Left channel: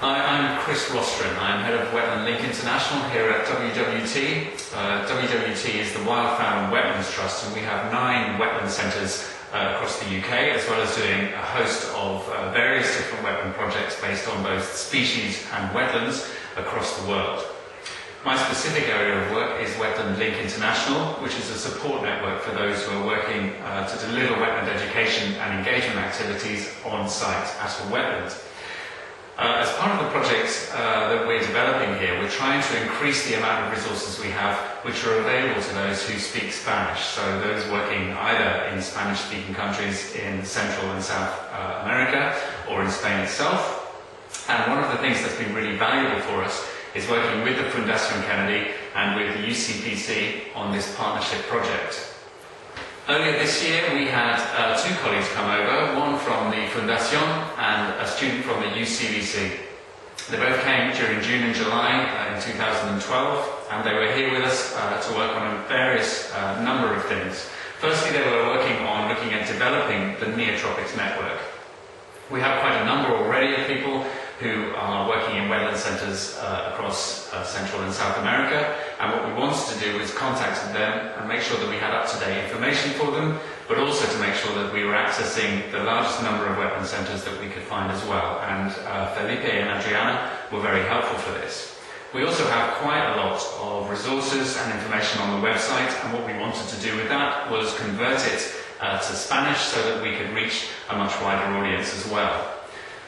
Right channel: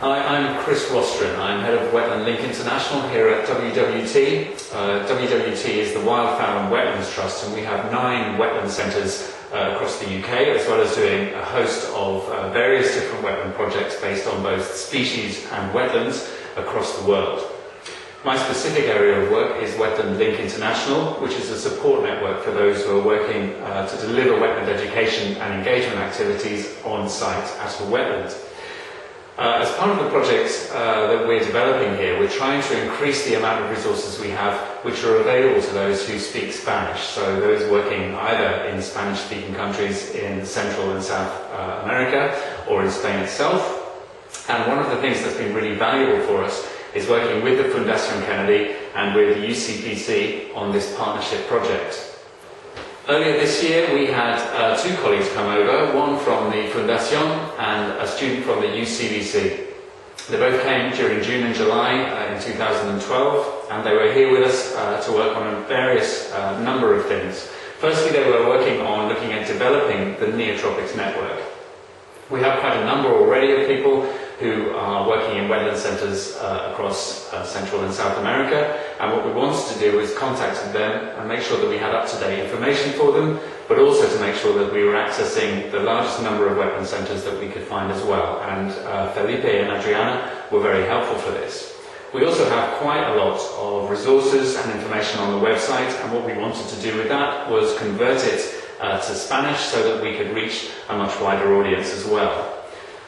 Hi, I'm Chris Rostron. I'm head of Wetland Link International here at WWT. WWT is the Wildfowl and Wetlands Trust, and we have 9 wetland centres across the UK, as well as doing a host of various different wetland projects based on both species and wetlands across the world. My specific area of work is Wetland Link International, which is a support network for those who are working to deliver wetland education and engagement activities on site at a wetland. As part of the project that we're developing here, we're trying to increase the amount of resources we have which are available to those who speak Spanish, so those working either in Spanish-speaking countries in Central and South America or in Spain itself. And one of the things that's been really valuable for us is working with the Fundación Kennedy and with the UCPC on this partnership project. Earlier this year we had 2 colleagues come over, one from the Fundación and a student from the UCVC. They both came during June and July in 2012, and they were here with us to work on a various number of things. Firstly, they were working on looking at developing the Neotropics network. We have quite a number already of people who are working in wetland centres across Central and South America, and what we wanted to do was contact them and make sure that we had up-to-date information for them, but also to make sure that we were accessing the largest number of wetland centres that we could find as well, and Felipe and Adriana were very helpful for this. We also have quite a lot of resources and information on the website, and what we wanted to do with that was convert it to Spanish so that we could reach a much wider audience as well.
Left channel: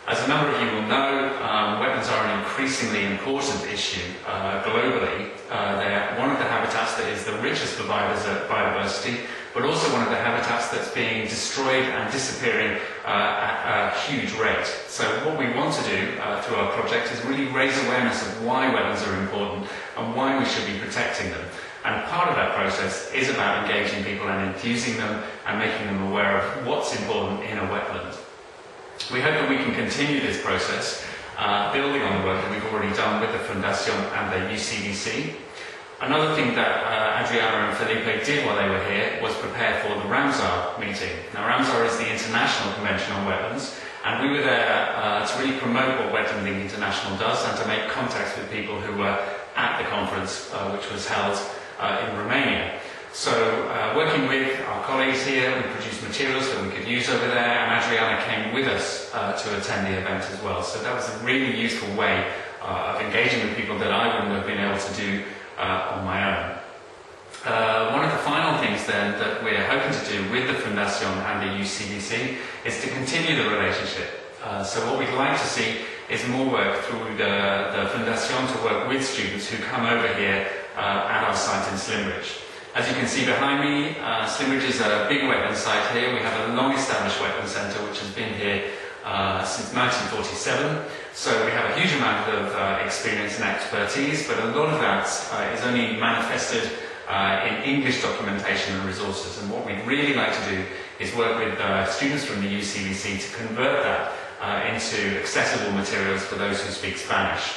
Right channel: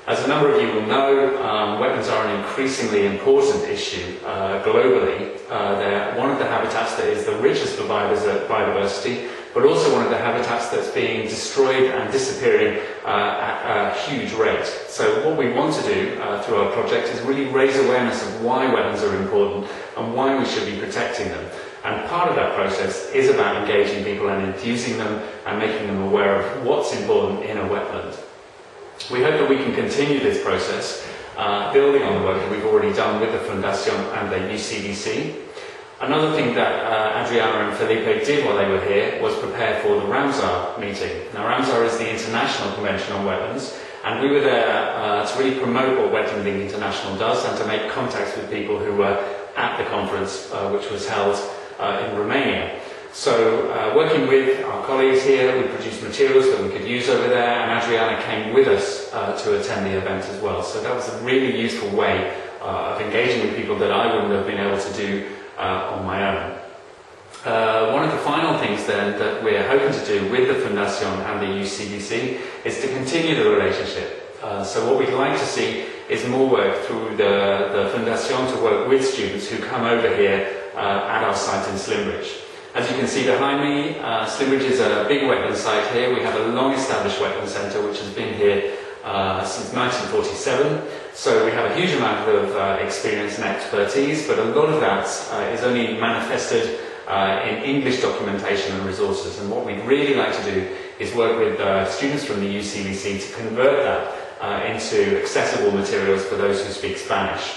As a number of you will know, wetlands are an increasingly important issue globally. They're one of the habitats that is the richest for biodiversity, but also one of the habitats that's being destroyed and disappearing at a huge rate. So what we want to do through our project is really raise awareness of why wetlands are important and why we should be protecting them. And part of that process is about engaging people and enthusing them and making them aware of what's important in a wetland. We hope that we can continue this process, building on the work that we've already done with the Fundación and the UCVC. Another thing that Adriana and Felipe did while they were here was prepare for the Ramsar meeting. Now, Ramsar is the International Convention on Wetlands, and we were there to really promote what Wetland Link International does and to make contacts with people who were at the conference, which was held in Romania. So, working with our colleagues here, we produced materials that we could use over there, and Adriana came with us to attend the event as well. So that was a really useful way of engaging with people that I wouldn't have been able to do on my own. One of the final things then that we're hoping to do with the Fundación and the UCVC is to continue the relationship. So what we'd like to see is more work through the Fundación to work with students who come over here at our site in Slimbridge. As you can see behind me, Slimbridge is a big wetland site here. We have a long-established wetland centre which has been here since 1947. So we have a huge amount of experience and expertise, but a lot of that is only manifested in English documentation and resources. And what we'd really like to do is work with students from the UCVC to convert that into accessible materials for those who speak Spanish.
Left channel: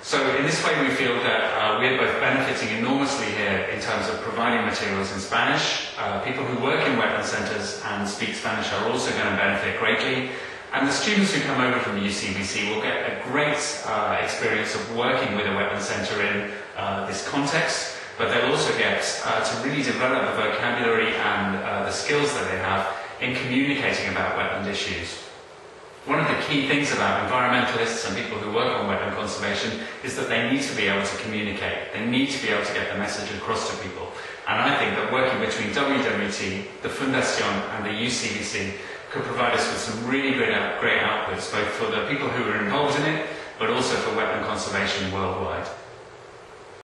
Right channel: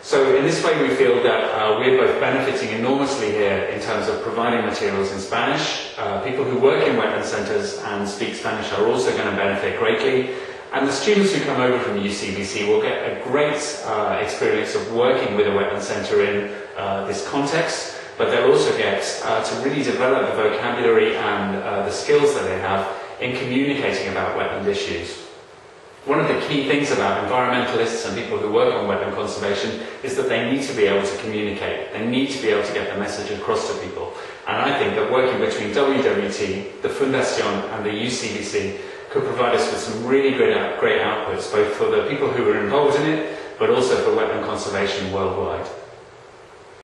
So in this way we feel that we're both benefiting enormously here in terms of providing materials in Spanish. People who work in wetland centres and speak Spanish are also going to benefit greatly. And the students who come over from UCVC will get a great experience of working with a wetland centre in this context, but they'll also get to really develop the vocabulary and the skills that they have in communicating about wetland issues. One of the key things about environmentalists and people who work on wetland conservation is that they need to be able to communicate. They need to be able to get the message across to people. And I think that working between WWT, the Fundación and the UCVC could provide us with some really great outputs, both for the people who are involved in it, but also for wetland conservation worldwide.